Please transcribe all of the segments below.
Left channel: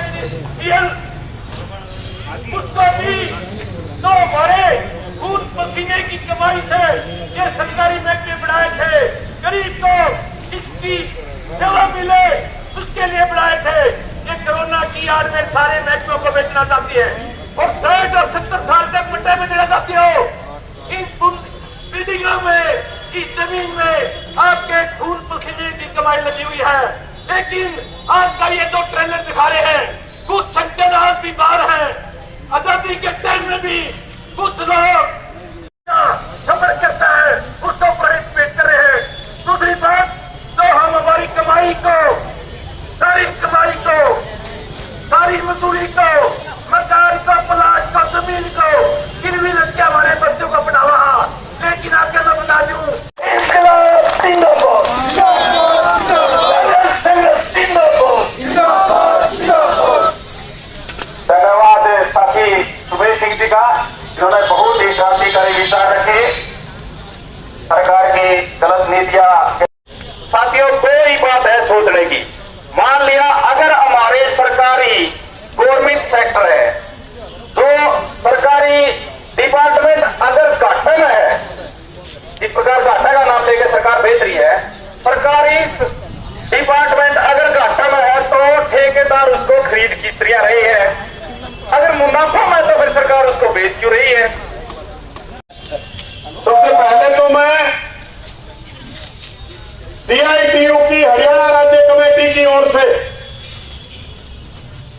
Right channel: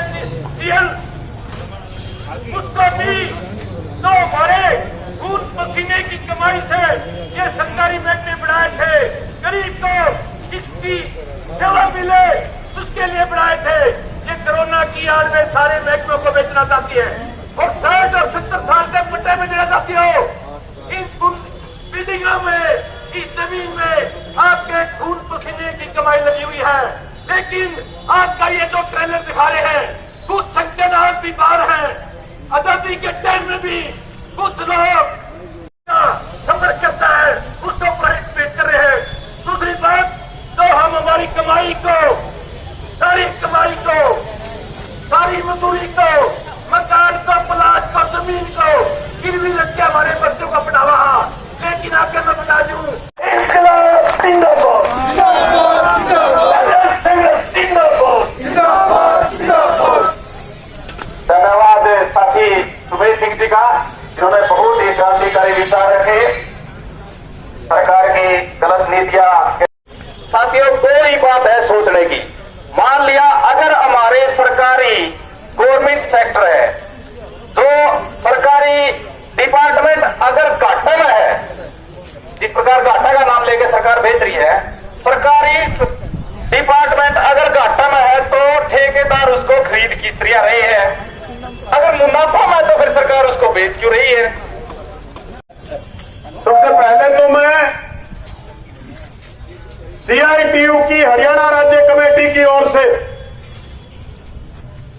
CL उसको भी तो हमारे खून पसीने की कमाई से ये सरकारी महकमे बढ़ाए थे। गरीब को किसकी सेवा मिले उसके लिए बढ़ाए थे। ये कोरोना की आड़ में सारे महकमों को बेचना चाहती है और 60 और 70 साल तक पट्टे में देना चाहती हो। इन बिल्डिंगों में, इस जमीन में आपके खून पसीने की कमाई लगी हुई है। लेकिन आज का ये जो ट्रेलर दिखा रहे हैं, कुछ संगठन आज भी बाहर हैं। आजादी के टाइम में भी कुछ लोग सफर करता है उसको प्राइवेट में कर रहे हैं। दूसरी तरफ तो हम हमारी कमाई को, सारी कमाई को, सारी मजदूरी को, मकान को, प्लाट को, जमीन को गिरवी रख के हमारे बच्चों को पढ़ावा। लेकिन आगे मैं बता दूं, धन्यवाद साथी सुमेश सिंह जी का, जिन्होंने बहुत ही क्रांतिकारी विचार रखे सरकार की गलत नीतियां। साथियों, दो ही बात है सोचने की। मान लिया अगर हमारे सरकारी गवर्नमेंट सेक्टर है, जो सरकारी डिपार्टमेंट अगर घाटे में है, इस प्रकार घाटा का नाम लेकर सरकार भेज रही है, सरकारी डिपार्टमेंट अगर घाटा में है तो ठेकेदार उसको खरीद किस तरह रहे हैं। अगर मुनाफा में तो फिर सरकार उसको बेच क्यों रही है। सबसे पहले तो मैं सीआईटीयू की हरियाणा राज्य कमेटी की ओर से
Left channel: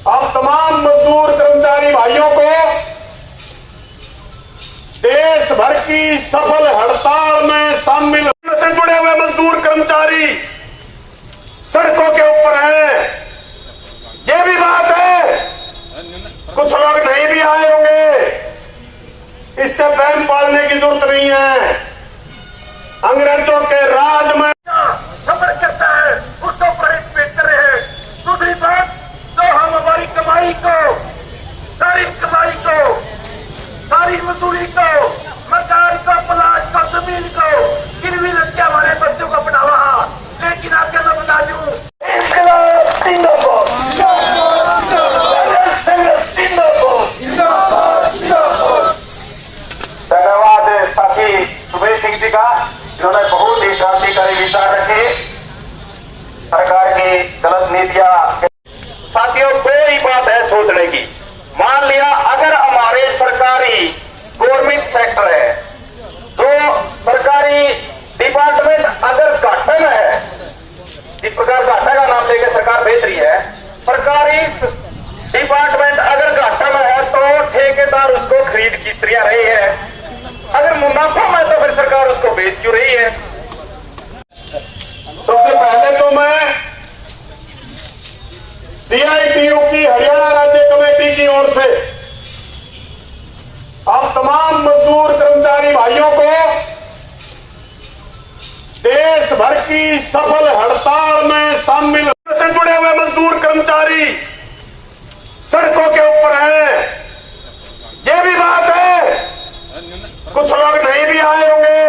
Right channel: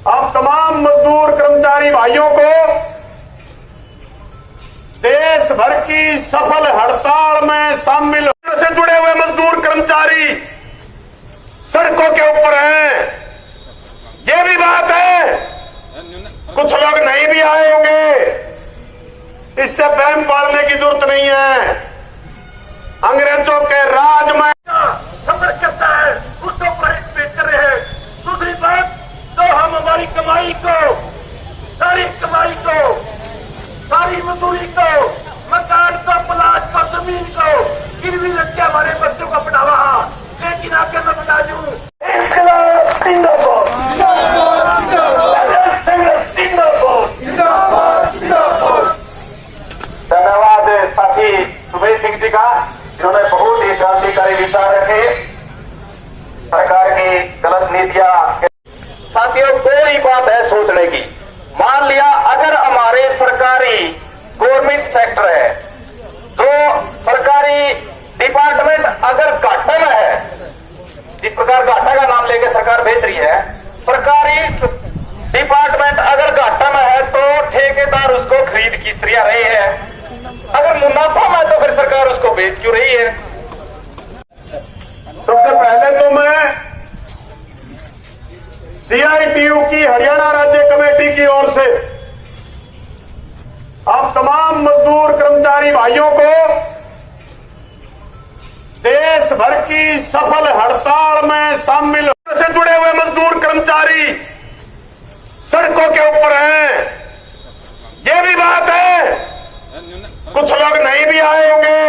अब तमाम मजदूर कर्मचारी भाइयों को देश भर की सफल हड़ताल में शामिल से जुड़े हुए मजदूर कर्मचारी सड़कों के ऊपर हैं। ये भी बात है, कुछ लोग नहीं भी आए होंगे, इससे वहम पालने की जरूरत नहीं है। अंग्रेजों के राज में सफर करता है उसको प्राइवेट में कर रहे हैं। दूसरी तरफ तो हम हमारी कमाई को, सारी कमाई को, सारी मजदूरी को, मकान को, प्लाट को, जमीन को गिरवी रख के हमारे बच्चों को पढ़ावा। लेकिन आगे मैं बता दूं, धन्यवाद साथी सुमेश सिंह जी का, जिन्होंने बहुत ही क्रांतिकारी विचार रखे सरकार की गलत नीतियां। साथियों, दो ही बात है सोचने की। मान लिया अगर हमारे सरकारी गवर्नमेंट सेक्टर है, जो सरकारी डिपार्टमेंट अगर घाटे में है, इस प्रकार घाटा का नाम लेकर सरकार भेज रही है, सरकारी डिपार्टमेंट अगर घाटा में है तो ठेकेदार उसको खरीद किस तरह रहे हैं। अगर मुनाफा में तो फिर सरकार उसको बेच क्यों रही है। सबसे पहले तो मैं सीआईटीयू की हरियाणा राज्य कमेटी की ओर से अब तमाम मजदूर कर्मचारी भाइयों को देश भर की सफल हड़ताल में शामिल से जुड़े हुए मजदूर कर्मचारी सड़कों के ऊपर हैं। ये भी बात है, कुछ लोग नहीं भी आए होंगे,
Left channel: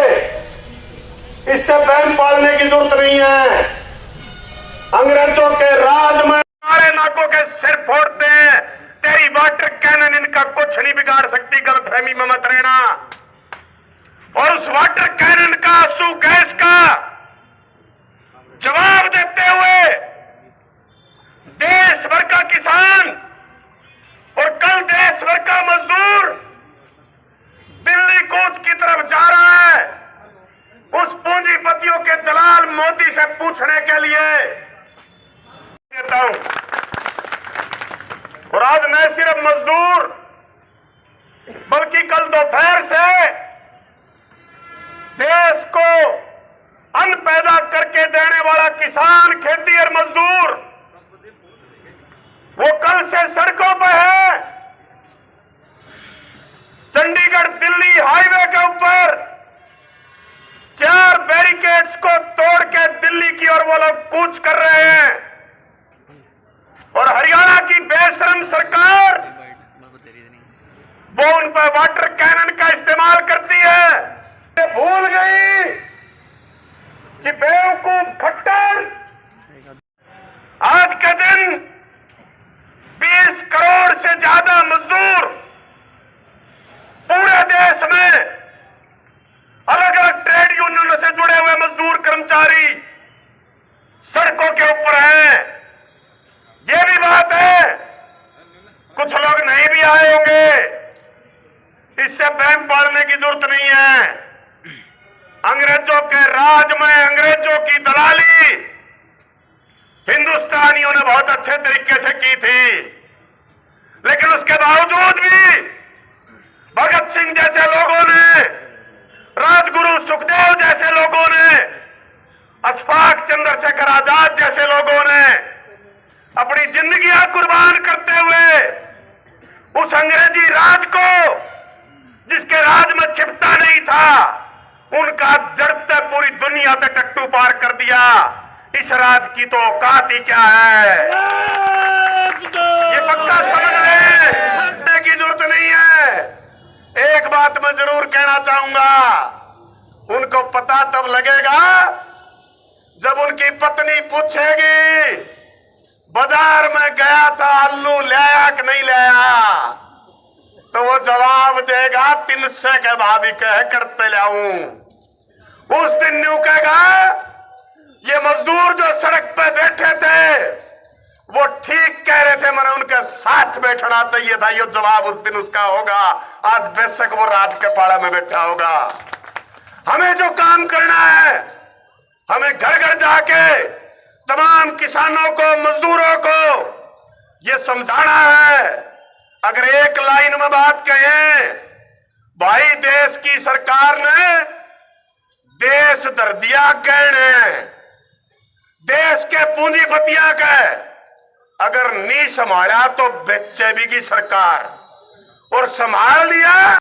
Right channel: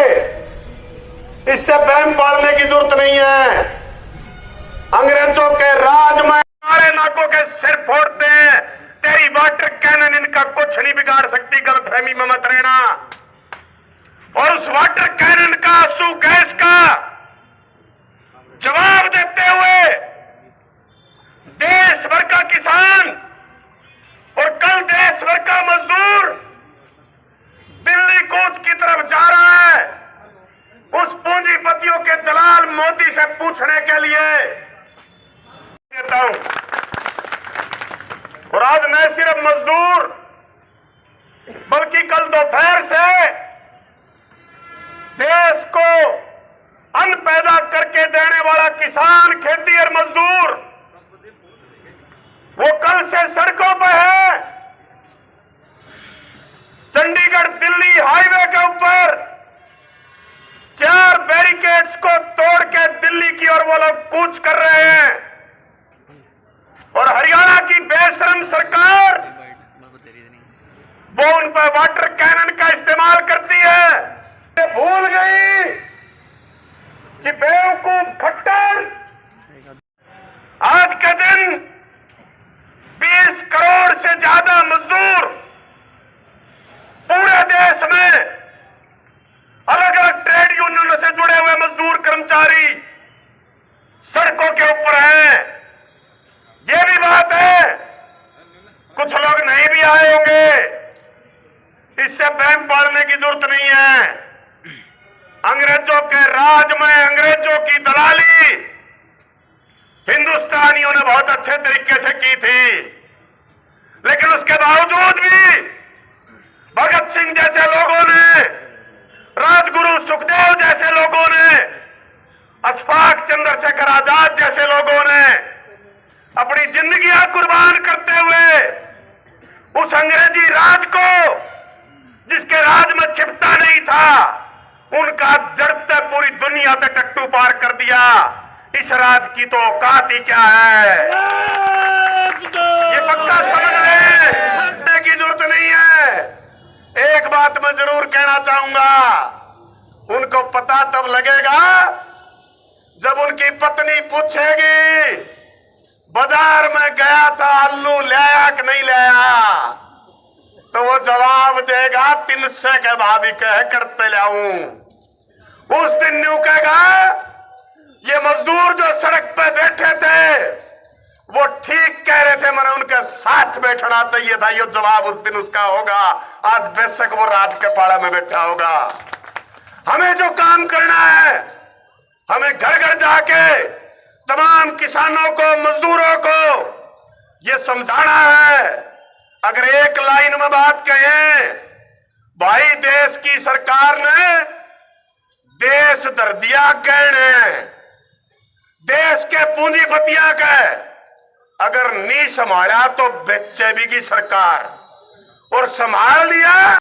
इससे वहम पालने की जरूरत नहीं है। अंग्रेजों के राज में हमारे नाकों के सिर फोड़ते हैं। तेरी वाटर कैनन इनका कुछ नहीं बिगाड़ सकती, गलतफहमी में मत रहना। और उस वाटर कैनन का, आंसू गैस का जवाब देते हुए देश भर का किसान और कल देश भर का मजदूर दिल्ली कूच की तरफ जा रहा है, उस पूंजीपतियों के दलाल मोदी से पूछने के लिए कहता हूं। और आज न सिर्फ मजदूर बल्कि कल दोपहर से देश को अन्न पैदा करके देने वाला किसान, खेती और मजदूर, वो कल से सड़कों पर है। चंडीगढ़ दिल्ली हाईवे के ऊपर 4 बैरिकेड्स को तोड़ के दिल्ली की ओर वो लोग कूच कर रहे हैं। और हरियाणा की बेशरम सरकार वो उन पर वाटर कैनन का इस्तेमाल करती है। भूल गई कि बेवकूफ खट्टर आज के दिन से ज्यादा मजदूर पूरे देश में अलग अलग ट्रेड यूनियनों से जुड़े हुए मजदूर कर्मचारी सड़कों के ऊपर हैं। ये भी बात है, कुछ लोग नहीं भी आए होंगे, इससे बहम पाड़ने की जरूरत नहीं है। अंग्रेजों के राज में अंग्रेजों की दलाली हिंदुस्तानियों ने बहुत अच्छे तरीके से की थी, लेकिन उसके बावजूद भी भगत सिंह जैसे लोगों ने, राजगुरु सुखदेव जैसे लोगों ने, अशफाक चंद्रशेखर आजाद जैसे लोगों ने अपनी जिंदगियां कुर्बान करते हुए उस अंग्रेजी राज को, जिसके राज में छिपता नहीं था, उनका जड़ते पूरी दुनिया पे टट्टू पार कर दिया। इस राज की तो औकात ही क्या है, ये पक्का समझ लें, की जरूरत नहीं है। एक बात मैं जरूर कहना चाहूंगा, उनको पता तब लगेगा जब उनकी पत्नी पूछेगी बाजार में गया था, आलू लाया कि नहीं लाया, तो वो जवाब देगा 300 के भाभी कह करते लाऊं। उस दिन न्यू कहेगा ये मजदूर जो सड़क पे बैठे थे वो ठीक कह रहे थे, मैंने उनके साथ बैठना चाहिए था, ये जवाब उस दिन उसका होगा। आज बेशक वो रात के पाड़ा में बैठा होगा। हमें जो काम करना है, हमें घर घर जाके तमाम किसानों को, मजदूरों को ये समझाना है। अगर एक लाइन में बात कहें, भाई देश की सरकार ने देश धर दिया गहने, देश के पूंजीपतियां के अगर नहीं संभाला तो बेचे भी की सरकार, और संभाल लिया